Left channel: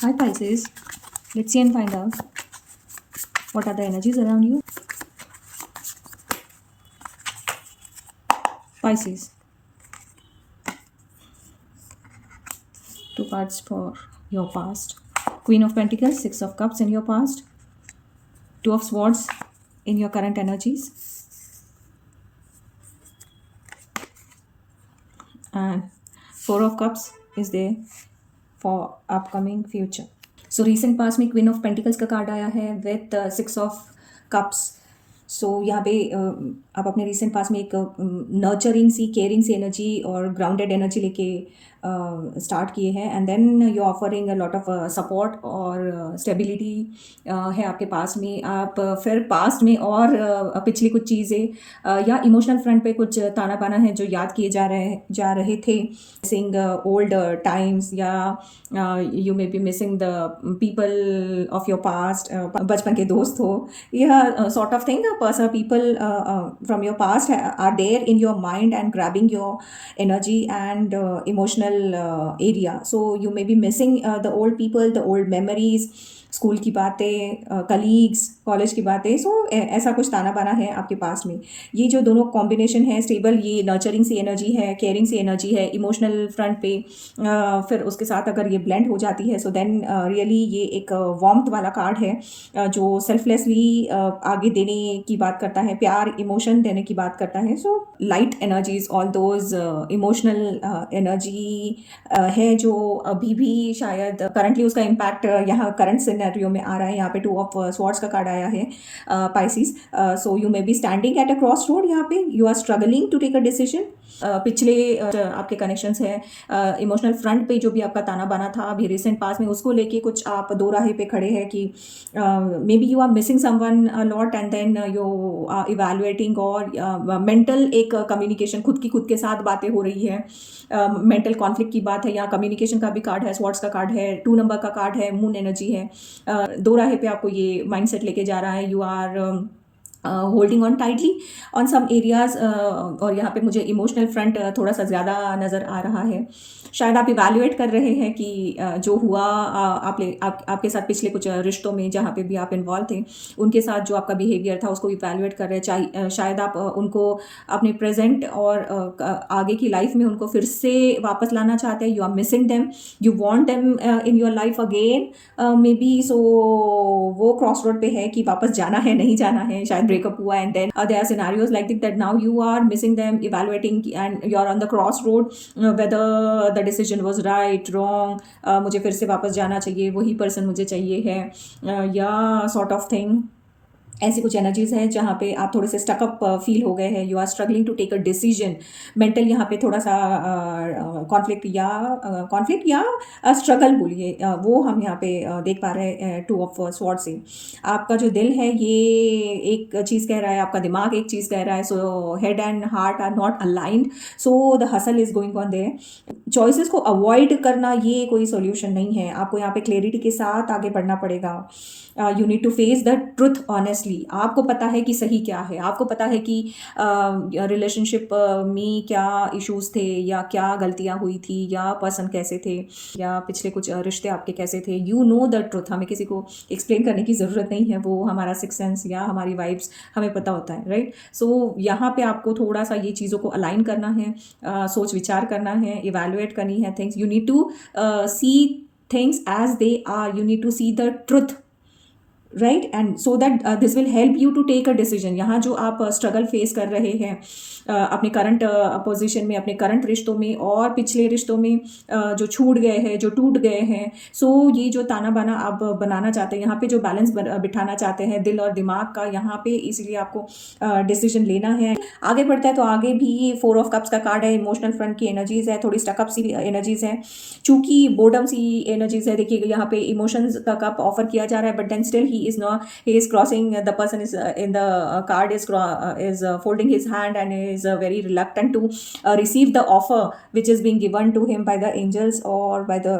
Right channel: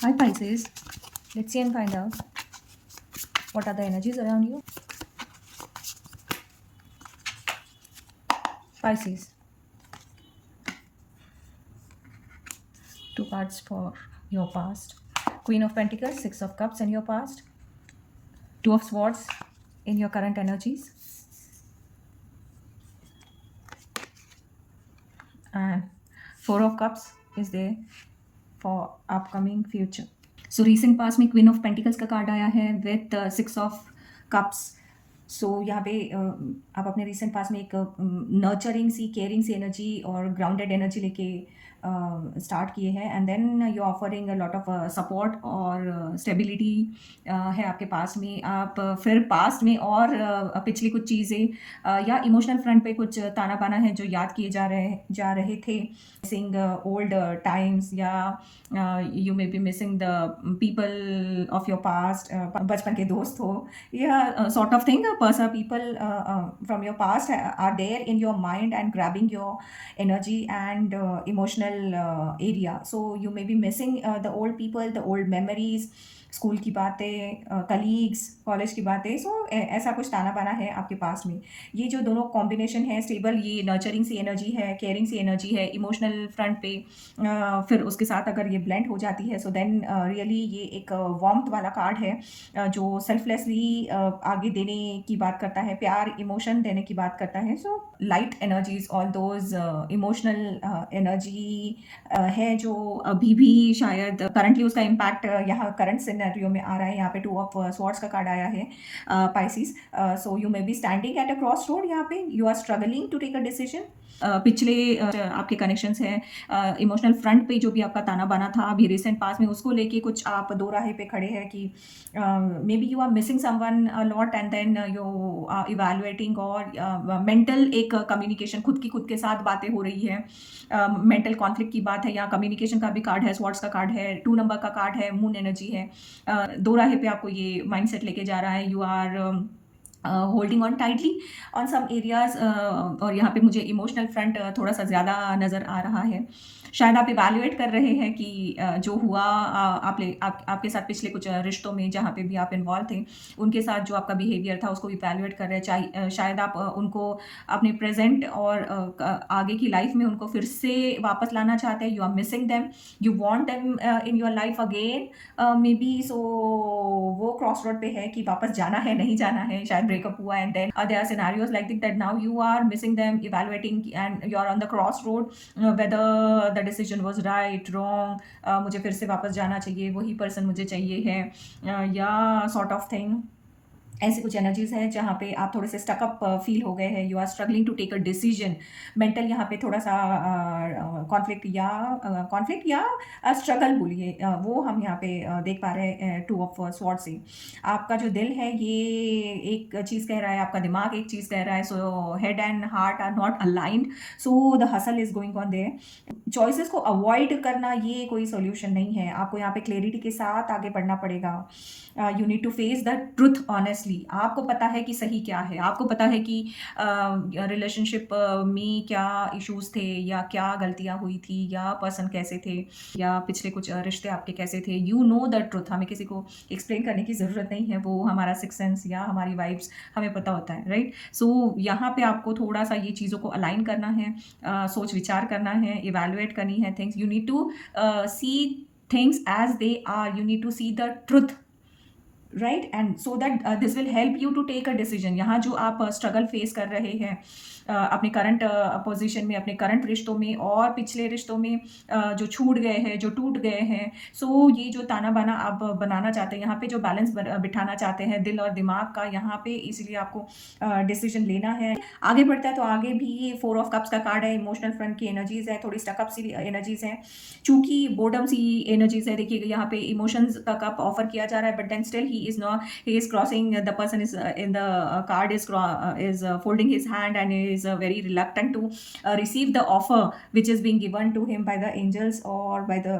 Hi Pisces, let's see and find out what are the energies around you. Pisces, two cards for your past. Queen of Pentacles, Six of Cups in your past, Two of Swords in your current energies, and Four of Cups is there for upcoming future. So recent past में queen of pentacles का card आया है with six of cups. So यहाँ पे आप अपने recent past में एक नर्चरिंग सी केयरिंग सी एनर्जी और ग्राउंडेड एनर्जी लेके स्टार्ट किए हैं and then you offering a lot of support और स्टेबिलिटी है आपके पास में. आप फिर पास्ट में और पिछली कुछ चीज़ें या इमोशनल फ्रंट पे कुछ ताना बाना है जो याद किए जा रहे थे. मिसिंग ओल्ड टाइम्स या you may be missing the people of your past, बचपन के दोस्त हो या sort of thing. Person people from your past are there in your mind and grabbing your energy and emotional area. So you may be missing the old people, the old memories, school की बातें, colleagues, college की बातें. सो ऐसा कुछ ताना बाना है आपके पास में. ये जो दोनों कॉम्बिनेशन है स्टेबल, ये नर्चरिंग सी एनर्जी है, केयरिंग सी एनर्जी है इमोशनल फ्रंट पे, फिर उसके साथ अगर ये ब्लेंड हो जाती है सो देन रियली ये एक वार्मथ वाला कार्ड है जो सेल्फलेसली आगे देने की बात करता है, प्यार इमोशन देने की बात करता है. So light energies, all those emotional energy है जो अभी भी शायद करंटली उसका इम्पैक्ट यहाँ करंट सिनेरियो में आ रहा है. यहाँ पे टू ऑफ स्वॉर्ड्स का कार्ड आया है Pisces. So you may be standing at a cross road. यहाँ पे you are struggling to take a decision. पिछले आपके कनेक्शंस हैं इमोशनल फ्रंट पे जो भी आपका ताना बाना था अभी रिसेंट पास में, उसको लेके कुछ आप दो राहे पे खड़े हैं कि maybe you are missing someone lot and then you are evaluating और मेंटल एक कम्युनिकेशन खुद के साथ बातें हो रही है. मेंटल कॉन्फ्लिक्ट की बात है. यहाँ कम्युनिकेशन का भी कार्ड है, स्वॉर्ड्स का कार्ड है, 2 नंबर का कार्ड है, मून एनर्जी है. दो राहे पे आपको ये माइंडसेट लेके जा रहा है. You are holding on tightly on some areas. और यहाँ पे मुझे इमोशनल फ्रंट थोड़ा सा ज़्यादा नज़र आ रहा है. शायद आप इवैल्यूएट कर रहे हैं कि जो हुआ आपके साथ पिछले कुछ रिश्तों में जहाँ पे भी आप इन्वॉल्व थे उनके साथ जो आपका बिहेवियर था उसको इवैल्यूएट कर रहे हैं. शायद आप उनको अपने प्रेजेंट और आगे की लाइफ में उनको फिर से वापस लाना चाहते हैं. You are missing them, you want them in your life again maybe. So वो क्रॉस रोड पे है कि वापस जाना है नहीं जाना है. शायद ब्रेकअप हुआ and then there are scenarios like that now you are missing them, evaluating and you are on the cross road whether the decision was right wrong. मुझे फिर से वापस जाना चाहिए, वही पर्सन मुझे चाहिए है या सॉर्ट ऑफ थिंग. ऐसी कुछ एनर्जीज हैं जहाँ पे आप थोड़े से स्टकअप फील हो गए हैं. You are struggling to take a decision. Mental यहाँ पे थोड़ा सा कॉन्फ्लिक्ट या स्ट्रगल बोलिए वो हम यहाँ पे देख पा रहे हैं टू ऑफ स्वॉर्ड से. आपका जो दिल है ये एक चीज़ कह रहा है, आपका दिमाग एक चीज़ कह रहा है. So head and heart are not aligned. So the hustle is going on there. Choices को अवॉइड करना ये कोई सोल्यूशन नहीं है. आपको यहाँ पे क्लैरिटी के साथ आगे बढ़ना पड़ेगा. You need to face the truth honestly. आपको पता है कि सही क्या है, आपको पता है कि रिलेशनशिप में क्या इश्यूज थे या क्या गलतियां हुई थी या पर्सन कैसे थे या पिछले कुछ रिश्ते आपके कैसे थे. You know the truth. हमें किसी को एक्सप्लेन करने की ज़रूरत नहीं है. वो हमारा सिक्स सेंस या हमारी वाइब्स हमें पता होता है, राइट. सो यहाँ पे आपको थोड़ा सा ये चीज़ों को अलाइन करना है, सोच विचार करना है, इवैल्यूएट करनी है things. You need to see things as they are. You need to see the truth, right. And so that this will help you to take a decision. यहाँ जो आप स्ट्रगल फेस कर रहे हैं अपने करंट पोजीशन में, अपने current रिश्तों में और पिछले रिश्तों में जो छूट गए हैं, जो टूट गए हैं. सो ये जो ताना बाना आप बनाना चाहते हैं, यहाँ पे जो बैलेंस बिठाना चाहते हैं दिल और दिमाग का, यहाँ पे इसलिए आपको डिसीजन लेना है. आगे बढ़ता है तो आगे भी 4 ऑफ कप्स का कार्ड है. इमोशनल फ्रंट की एनर्जीज है, थोड़ी स्टकअप सी एनर्जीज है, चूंकि बोर्डम सी एनर्जीज है. देखिएगा यहाँ पे इमोशंस का कप ऑफर किया जा रहा है but then still he is crossing, the person is in the card is folding his hand and is very reluctant to receive the offer which is being given to him by the angels or by the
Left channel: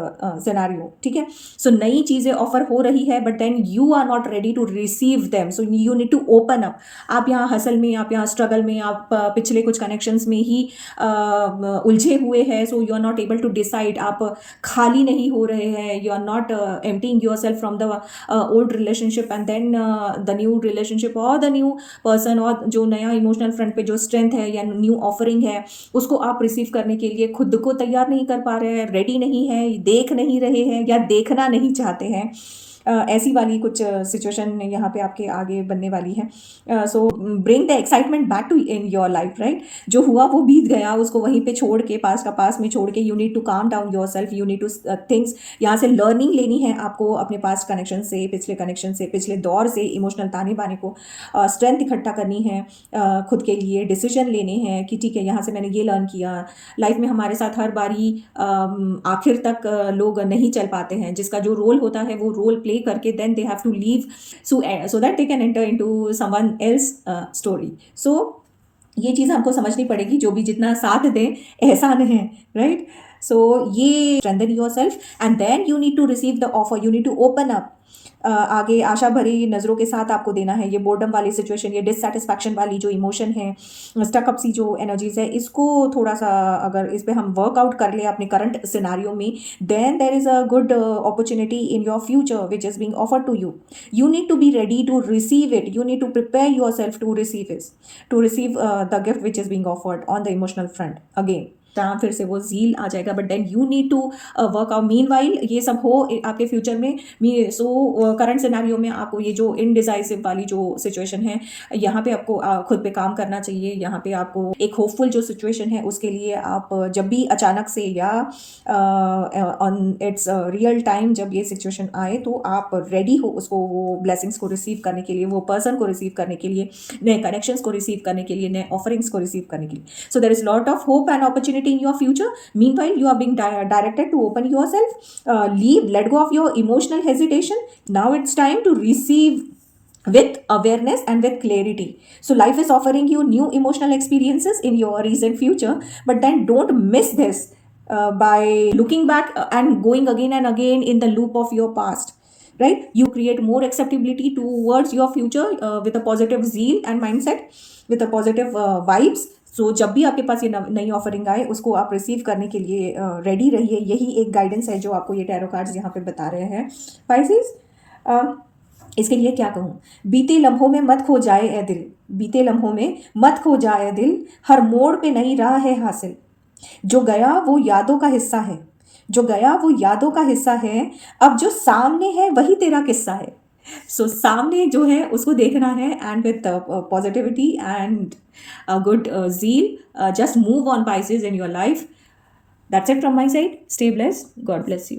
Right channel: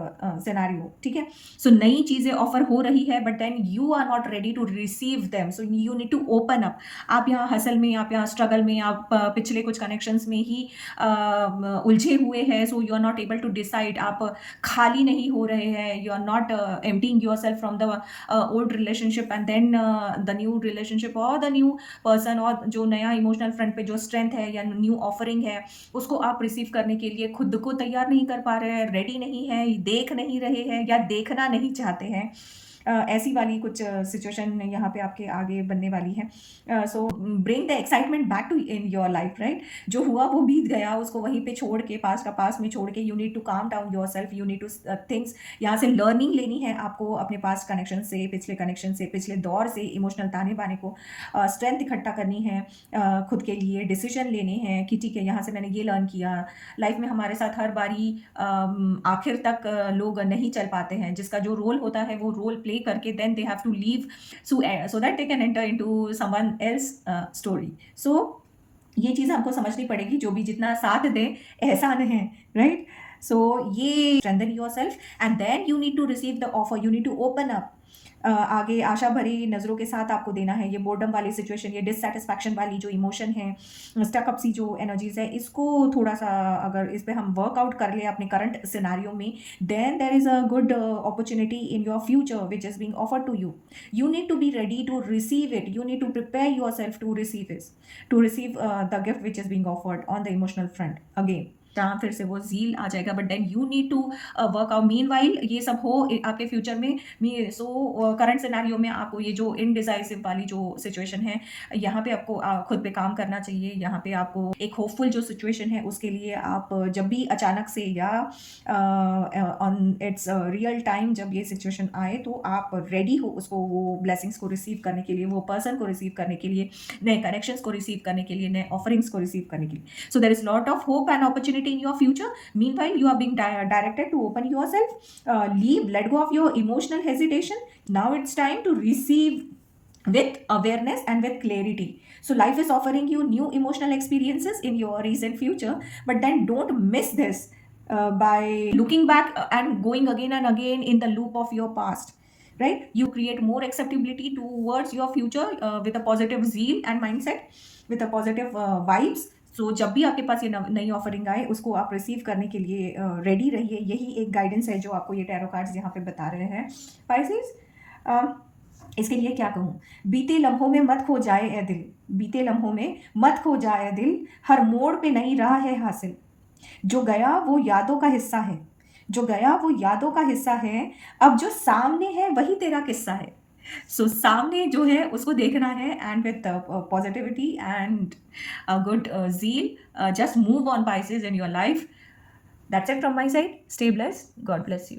scenario. ठीक है, so नई चीज़ें offer हो रही है but then you are not ready to receive them, so you need to open up. आप यहाँ hustle में, आप यहाँ स्ट्रगल में, आप पिछले कुछ कनेक्शंस में ही उलझे हुए हैं, so you are not able to decide, आप खाली नहीं हो रहे हैं, you are not emptying yourself from the old relationship and then the new relationship और द न्यू पर्सन, और जो नया इमोशनल फ्रंट पे जो स्ट्रेंथ है या न्यू ऑफरिंग है उसको आप रिसीव करने के लिए खुद को तैयार नहीं कर पा रहे हैं, रेडी नहीं है, देख नहीं रहे हैं या देखना नहीं चाहते हैं। ऐसी वाली कुछ सिचुएशन यहाँ पे आपके आगे बनने वाली है। So bring the excitement back to in your life, right. जो हुआ वो बीत गया, उसको वहीं पे छोड़ के, पास का पास में छोड़ के, you need to calm down yourself, you need to things, यहाँ से लर्निंग लेनी है आपको अपने पास्ट कनेक्शन से, पिछले कनेक्शन से, पिछले दौर से, इमोशनल ताने बाने को, स्ट्रेंथ इकट्ठा करनी है खुद के लिए, डिसीजन लेने हैं कि ठीक है यहाँ से मैंने ये लर्न किया। लाइफ में हमारे साथ हर बारी आखिर तक लोग नहीं चल पाते हैं, जिसका जो रोल होता है वो रोल प्ले करके then they have to leave so that they can enter into someone else story. So ये चीज़ हमको समझनी पड़ेगी, जो भी जितना साथ दे एहसान है, राइट। सो ये strengthen yourself and then you need to receive the offer, you need to open up. आगे आशा भरी नज़रों के साथ आपको देना है। ये बोर्डम वाली सिचुएशन, ये डिससेटिस्फैक्शन वाली जो इमोशन है, स्टकअप सी जो एनर्जीज है, इसको थोड़ा सा अगर इस पे हम वर्कआउट कर ले अपने करंट सिनारियो में, then there is a good opportunity in your future which is being offered to you. You need to be ready to receive it, you need to prepare yourself to receive the gift which is being offered on the emotional front. Again जहाँ फिर से वो zeal आ जाएगा, but then you need to work out. Meanwhile ये सब हो आपके फ्यूचर में, सो करंट सिनेरियो में आपको ये जो इनडिसाइसिव वाली जो सिचुएशन है, यहाँ पे आपको खुद पे काम करना चाहिए। यहाँ पे आपको एक होपफुल जो सिचुएशन है उसके लिए आप जब भी अचानक से या ऑन इट्स रियल टाइम जब ये सिचुएशन आए तो आप रेडी हो उसको, वो ब्लेसिंग्स को रिसीव करने के लिए, वो पर्सन को रिसीव करने के लिए, नए कनेक्शंस को रिसीव करने के लिए, नए ऑफरिंग्स को रिसीव करने के लिए। So there is lot of hope and opportunity in your future. Meanwhile, you are being directed to open yourself, let go of your emotional hesitation. Now it's time to receive with awareness and with clarity. So life is offering you new emotional experiences in your recent future, but then don't miss this by looking back and going again and again in the loop of your past, right? You create more acceptability towards your future with a positive zeal and mindset, with a positive vibes. सो जब भी आपके पास ये नई offering आए उसको आप receive करने के लिए रेडी रहिए। यही एक गाइडेंस है जो आपको ये टैरो कार्ड्स यहाँ पे बता रहे हैं पाइसेस। इसके लिए क्या कहूँ, बीते लम्हों में मत खो जाए ए दिल, बीते लम्हों में मत खो जाए दिल, हर मोड़ पे नई राह है हासिल, जो गया वो यादों का हिस्सा है, जो गया वो यादों का हिस्सा है, अब जो सामने है वही तेरा किस्सा है। सो सामने जो है उसको देखना है and with positivity and good zeal, just move on Pisces in your life. That's it from my side. Stay blessed. God bless you.